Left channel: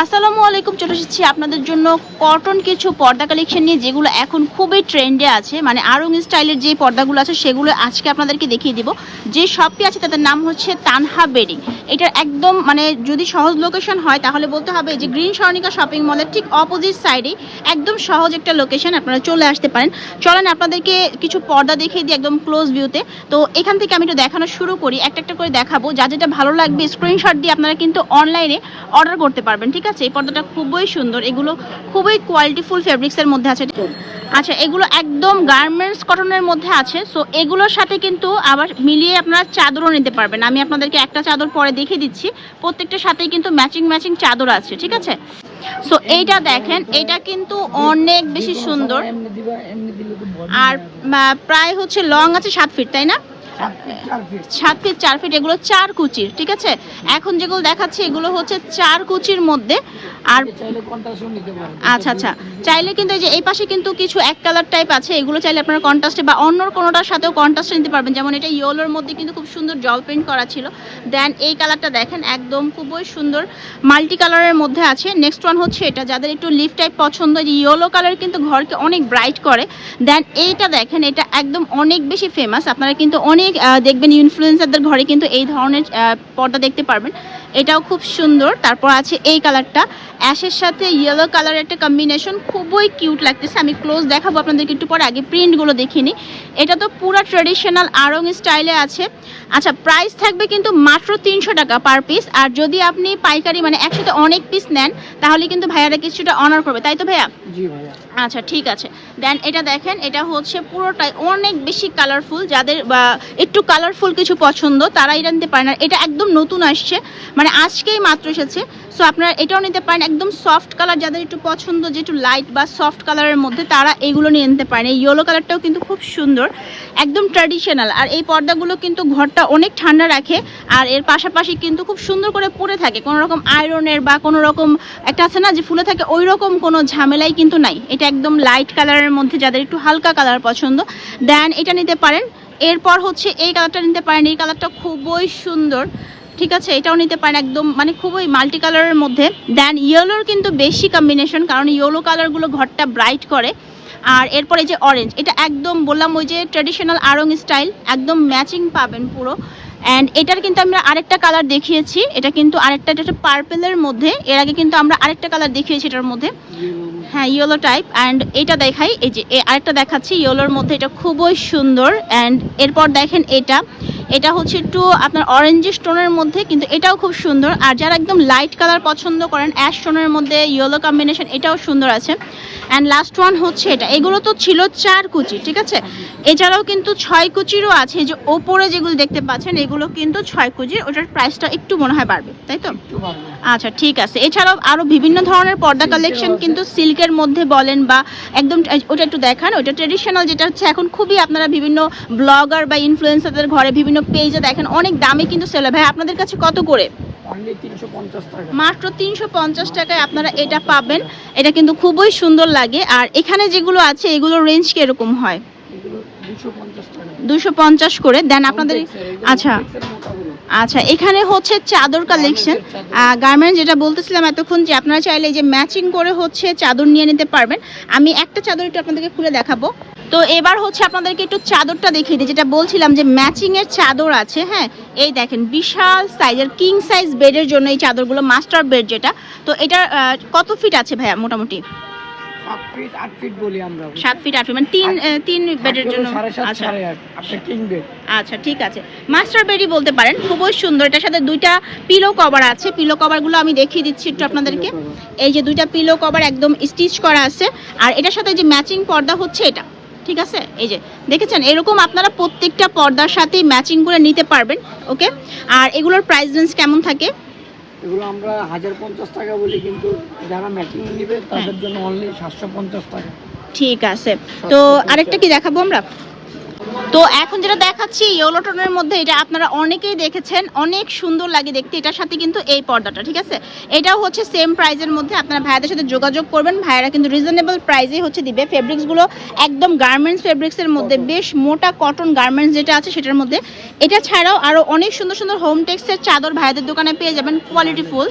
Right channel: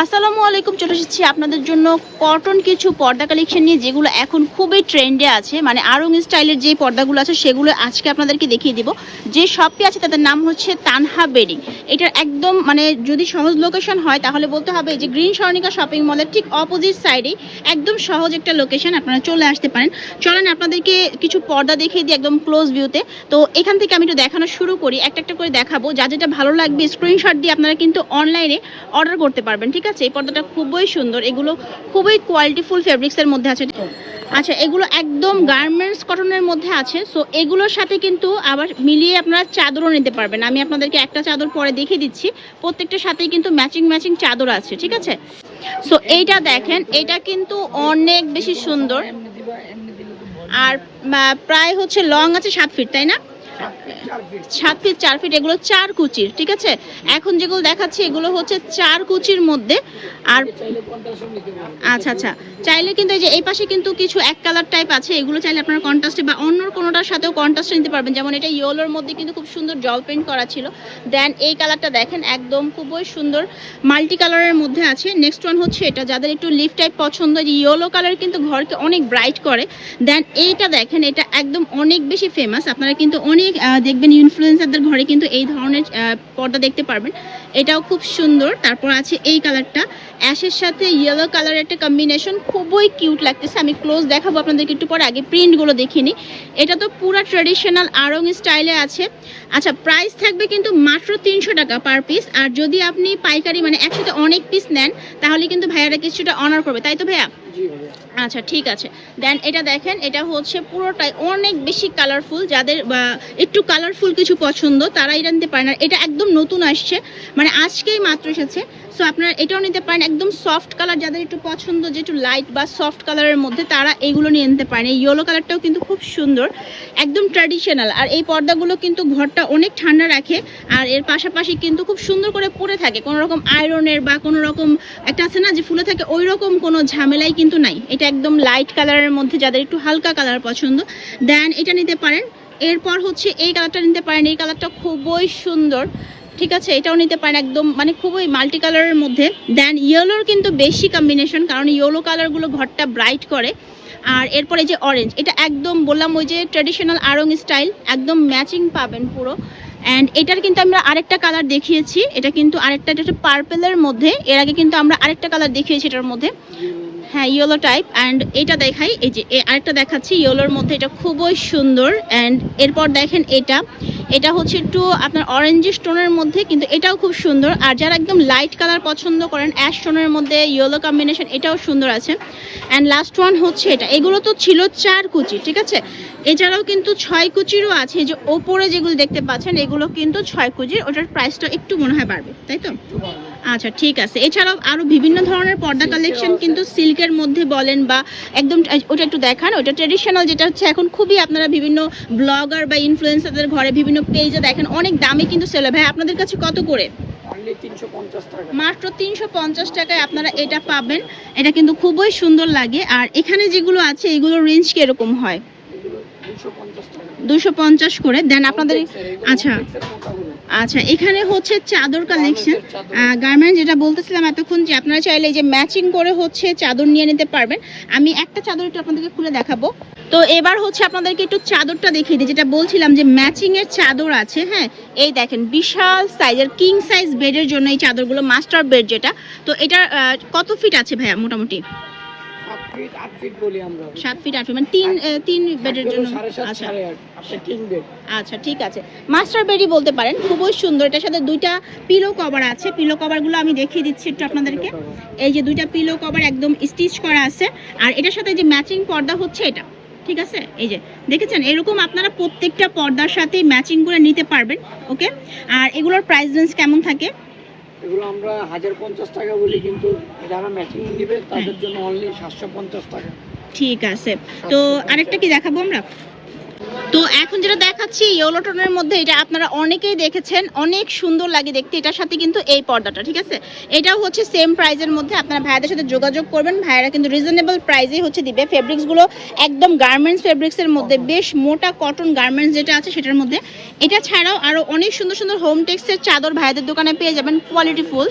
আসসালামু আলাইকুম, চলে এসেছি আপনাদের জন্য কটন কিছু পর্দা কালেকশন নিয়ে, যেগুলো এখন খুবই ট্রেন্ডে আছে। মানে আরং স্টাইলের যে পর্দাগুলো আছে, সেগুলো আজকে আপনাদেরকে দেখিয়ে দিব। যে শপটি আছে, তাদের নাম হচ্ছে তানহা বেডিং এটার একদম মানে যদি সহজ লোকেশন হয়, তাহলে বলতে হবে যে গ্রিন স্বর্ণিকা শপিং মলের ঠিক অপোজিট সাইডে একদম সহজ একটা লোকেশন আপনারা চলে আসতে পারেন। চলেন আপনাদেরকে কিছু পর্দা দেখিয়ে দিই একদম ক্লোজ ভিউতে তো। এখান থেকে আমি একটু দেখানো শুরু করি, একটা একটা করে দেখাবো। যা যেটা ভালো লাগবে স্ক্রিনশট দিয়ে আপনারা কিন্তু অনলাইনে অর্ডার করতে পারবেন, ঠিক আছে, এই পর্দাটা খুবই সুন্দর। এগুলো খুবই কোয়ালিটিফুল ফেব্রিক্সের মধ্যে আছে। আচ্ছা এগুলো একদম গার্মেন্টস কটনের মধ্যে আছে। সো এগুলোর সাথে কিন্তু আবার মিলিয়ে আপনারা চাদরও নিতে পারবেন। আমি আপনাদেরকে একটা চাদর পরে দেখিয়ে দিচ্ছি। প্রত্যেকটার সাথেই কিন্তু ম্যাচিং ম্যাচিং চাদর আছে, ঠিক আছে? সো এইটা দেখেন, এটা কিন্তু অনেক বেশি সুন্দর। আর প্রায় হচ্ছে লং আছে সাত ফিট তাই না? সাত ফিট চার ফিট এগুলো চার কুচির, ঠিক আছে? এখন যেগুলো দেখাচ্ছি, এগুলো হচ্ছে চার কুচির মধ্যে। আর আচ্ছা আচ্ছা। চাইলে কিন্তু এই যে এই পাশে কিন্তু কিছু এক কালার টাইপ আছে, এগুলো চাইলে আপনারা কন্ট্রাস্টে বা অন্য কোনোটার সাথেও কন্ট্রাস্টে নিতে পারবেন। যেমন এটা মধ্যে কিন্তু খুব সুন্দর জল প্রিন্ট করা ছিল। দেন এই কালারটা দেখেন, একদম খুবই সুন্দর মাল্টি কালারের মধ্যে আছে। নেক্সট ওয়ান হচ্ছে এটা, যাদের একটু লিফ টাইপ পছন্দ যে ইয়েলো কালার কিন্তু ঘরকে অনেক ব্রাইট করে। দেন এইটা দেখেন, এটা একদম অনেক বেশি ফেমাস আপনারা কিন্তু অনেক আহ, দেখবেন ইনফ্লুয়েন্সারদের ঘরে কিন্তু এই ধরনের পর্দা দেখতে পারবেন। এটাও খুব সুন্দর। তারপর আছে এই কালারটা। অ্যাশের সাথে ইয়েলো কালারের একটা কম্বিনেশন খুবই কিউট লাগতেছে। আমি ক্লোজ দেখাবো আপনাদেরকে একটু পরে আগে প্রিন্টগুলো দেখিনি এটা তো পুরো ট্রেডিশনাল আরং স্টাইলে আছে। আচ্ছা প্রাইস থাকবে কিন্তু মাত্র তিনশো টাকা পার পিস আর যদি আপনি পাইকারি মানে একসাথে অনেক পিস নেন তাহলে কিন্তু ভাইয়ারা কিছুটা অনার করবে। তাই তো ভাইয়া? আচ্ছা ঠিক আছে। দেন এটা দেখেন এটা হচ্ছে পুরোটাই অনেক বেশি কালারফুল যাদের বা একটু কালারফুল কিছু পছন্দ তারা এটা নিতে পারে না। এটা একদম নতুন আসছে। মানে আজকেই মাত্র এসেছে। সো আপনারা এটাও নিতে পারেন। একদম সফট কালার যাদের একটু পছন্দ, যে একটু লাইট বা সফট কালারের মধ্যে, তারা এইগুলো নিয়ে নিতে পারেন। এই ইয়েলো কালারটাও কিন্তু খুব সুন্দর, একদম ট্র্যাডিশনাল আর এই পর্দাগুলো কিন্তু ঘরটা অনেক ঠান্ডা রাখে, আর এর পাশাপাশি কিন্তু খুব সুন্দর করে পরে থাকে। কোনো রকম আয়রনের বা কোনো রকম একটা আছে না, যে ফুলে থাকে, ওই রকম কোনো ঝামেলাই কিন্তু নাই। এটা একদম লাইট কালারের মধ্যে যাদের একটু হালকা কালার পছন্দ দেন এটা নিতে পারেন। এরপর হচ্ছে এই কালারটা নিতে পারেন। এই কালারটা খুবই সুন্দর। ঠিক আছে, এটাও নিতে পারেন একদম মানে খুবই মাল্টি কালারের মধ্যে। দেন ইয়েলোর কিন্তু বেশি কম্বিনেশন কারণ ইয়েলো কালারগুলো ঘরটা ব্রাইট করে। আর এরপর যে অরেঞ্জ এটা একদম বললাম ওই যে ট্রেডিশনাল আরং স্টাইল একদম ম্যাচিং পাবেন পুরো। অ্যান্ড এটার কিন্তু আমরা আরেকটা কালার দেখিয়েছি, এটা কিন্তু আরেকটা, এটা পার্পেলের মধ্যে। এর আগে কিন্তু আমরা আরেকটা কালার দেখিয়েছি এটার মধ্যে। হ্যাঁ ইয়েলো টাইপ অ্যান্ড এটা দেখাই, এই যে আরেকটা দেখাচ্ছি ইয়েলোর মধ্যে, এটা খুবই সুন্দর। অ্যান্ড এরপর দেখেন এটা এটা হচ্ছে একটু আপনার অরেঞ্জ স্টোনের মধ্যে, কিন্তু এটাও খুব সুন্দর। আর যারা একদম লাইট কালার পছন্দ করেন অ্যাশ স্টোনের মধ্যে ইয়েলো কম্বিনেশন এটাও সুন্দর আছে। অ্যান্ড লাস্ট ওয়ান হচ্ছে এটা। এগুলো তো ছিল চার কুচি, ঠিক আছে? এছাড়াও কিন্তু ছয় কুচিরও আছে যে ওপরে যেগুলো দেখতে পাচ্ছেন এগুলো কিন্তু ছয় কুচির ওটার প্রাইসটা একটু মনে হয় বাড়বে তাই তো? আচ্ছা ঠিক আছে। এছাড়াও আরও বিভিন্ন ধরনের পর্দা কালেকশন কিন্তু সিল্কের মধ্যে বলেন বা একদম ওটা একটু দেখান ওটা ট্রেডিশনাল যেটা হচ্ছে এখন খুবই আপনারা বিভিন্ন ব্লগার বা ইনফ্লুয়েন্সারদের ঘরে বিভিন্ন পেজে দেখেন অনেক দামে কিন্তু সেল হয়। ভাই আপনাদের কাছে কত করে? মাত্র তিনশো পঞ্চাশ টাকায় আপনারা এটা পাবেন। এটা কিন্তু খুবই সুন্দর লাগে। আর এখানে যেগুলো আছে এগুলো রেঞ্জ কীরকম হয়? দুশো পঞ্চাশ করে। দেন আপনাদের আচ্ছা। আচ্ছা এখানে হচ্ছে চাদর কালেকশন গার্মেন্ট যেটা বলতেছিলাম এতক্ষণ যে আপনারা চাইলে যে ম্যাচিং করে হচ্ছে চাদর নিয়ে নিতে পারবেন। আমি একটা চাদর একটু আপনাদেরকে খুলে দেখাবো। তো এবার হচ্ছে আপনাদেরকে একটু চাদরটা দেখিয়ে দিই। যেটা বলছিলাম যে ম্যাচিং এর চাদর আছে হ্যাঁ? এই দেখেন বিশাল সাইজের কিং সাইজ বেডের জন্য এই চাদরগুলো মাস্টার বেড যেটা। তো এটা কত ফিট আছে ভাইয়া মোটামুটি? সাত ফিট আট ফিট বলি আমরা সাত ফিট আট ফিট মানে তিন তিন বেডের জন্য আচ্ছা। সাড়ে কিং বেড আচ্ছা ঠিক আছে। মাস্টার বেডই বলতে পারেন খুবই সুন্দর। এটার সাথে দুইটা পিলো কভার আছে। পিলো কভারগুলো আমি দেখিয়ে দিচ্ছি একটু আপনাদেরকে। এই যে দুইটা পিলো কভার একদম স্টিচ করা আছে। আর এটার সাথে যে ম্যাচিং পর্দা হচ্ছে এটা ঠিক আছে? এই যে দেখেছেন? এরকম আপনারা প্রত্যেকটা পর্দার সাথে ম্যাচিং করে নিতে পারবেন ওকে আর এগুলোর প্রাইস রেঞ্জ কেমন থাকে? এগুলো আমরা হাজার পঞ্চাশ টাকা বলি কিন্তু যারা ম্যাচিং নিবে তাদের জন্য অনলি সাতশো পঞ্চাশ টাকা। ঠিক আছে। তো আরেকটা কি দেখাবো আমরা? তো এখন যেটা দেখাচ্ছি ইয়েলো টোনের মধ্যে এটা আপনারা অনেকেই দেখেছেন, অনেক সুন্দর লাগে দেখতে। এটার সাথে কিন্তু এই পর্দাটা, ঠিক আছে? এটাও হচ্ছে সেম প্রাইজের মধ্যে। আপনারা ভাইয়াদের সাথে যোগাযোগ করবেন। ভাইয়ারা কিন্তু রিজনেবল প্রাইসেই হচ্ছে দিবে। ফেব্রিক্সগুলো একদম গার্মেন্টস ফেব্রিক্সের মধ্যে, বেশ মোটা কটন গার্মেন্টস যেটা আছে সেটার মধ্যে। এটা ছাড়াও আরও অনেক সুন্দর সুন্দর হোম টেক্সের চাদর ভাইয়াদের দোকানে পেয়ে যাবেন কোয়ালিটি ফুল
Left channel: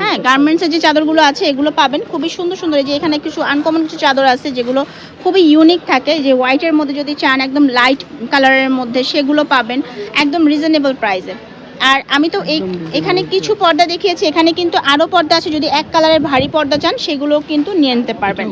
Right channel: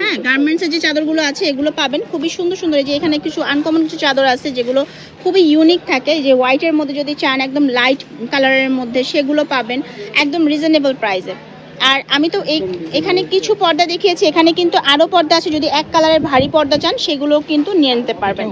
হ্যাঁ গার্মেন্টসের যে চাদরগুলো আছে, এগুলো পাবেন। খুবই সুন্দর সুন্দর, এই যে এখানে কিছু আনকমন কিছু চাদর আছে, যেগুলো খুবই ইউনিক থাকে। যে হোয়াইটের মধ্যে যদি চান, একদম লাইট কালারের মধ্যে সেগুলো পাবেন একদম রিজনেবল প্রাইসে আর আমি তো এই এখানে কিছু পর্দা দেখিয়েছি এখানে কিন্তু আরও পর্দা আছে যদি এক কালারের ভারী পর্দা চান সেগুলো কিন্তু নিয়ে নিতে পারবেন।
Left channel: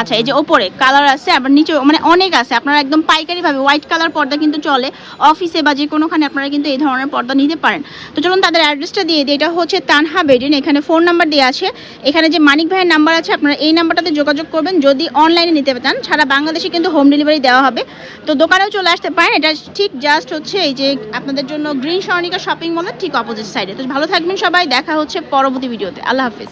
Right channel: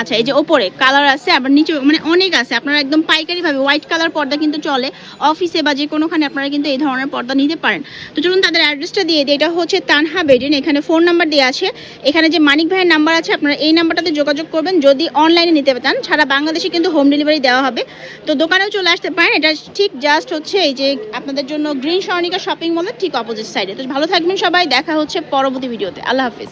আচ্ছা এই যে ওপরে কালার আছে, আবার নিচে মানে অনেক আছে। আপনারা একদম পাইকারি ভাবে হোয়াইট কালার পর্দা কিন্তু চলে। অফিসে বা যে কোনোখানে আপনারা কিন্তু এই ধরনের পর্দা নিতে পারেন। তো চলুন তাদের অ্যাড্রেসটা দিয়ে দিই। এটা হচ্ছে তানহা বেডিন এখানে ফোন নাম্বার দেওয়া আছে। এখানে যে মানিক ভাইয়ের নাম্বার আছে, আপনারা এই নাম্বারটাতে যোগাযোগ করবেন। যদি অনলাইনে নিতে চান, সারা বাংলাদেশে কিন্তু হোম ডেলিভারি দেওয়া হবে। তো দোকানেও চলে আসতে পারেন। এটা ঠিক জাস্ট হচ্ছে এই যে আপনাদের জন্য গ্রিন সরণিকা শপিং মলের ঠিক অপোজিট সাইডে তো ভালো থাকবেন সবাই। দেখা হচ্ছে পরবর্তী ভিডিওতে আল্লাহ হাফিজ।